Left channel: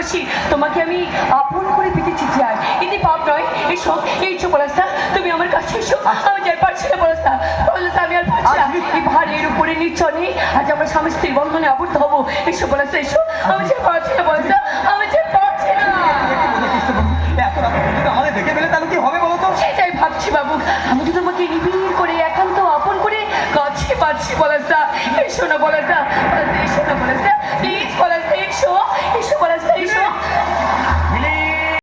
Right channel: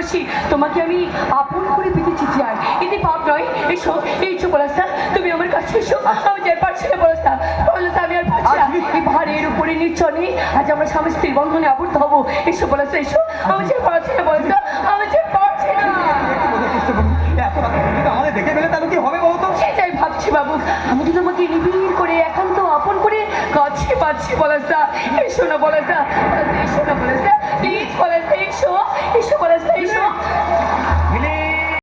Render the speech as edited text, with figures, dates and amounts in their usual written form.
ভালোবাসি, তোমাকে আমি আপন করে পেতেছি চাই, এতে পাপ নয়। এসো এসো পলাশদা, তুমি আমার কাছে এসো। আমি যাই পারছি না পলাশদা, পলাশদা আমি আর পারছি না। এই ভারের উপরে নিচনে আজ আমরা স্বামী স্ত্রীর বন্ধনে আবদ্ধ হবো। এসো পলাশদা এসো, আমি যে পারছি না পলাশদা, আমি যে পারছি না। আমাদের দেখে ফেলে তাহলে কি হবে বলো তো? সেটাই ভাবছি বাবু, আমি তো তোমাকে নিবিড় করে একান্ত আপন করে কাছে পাচ্ছি পলাশদা। এসো না পলাশদা।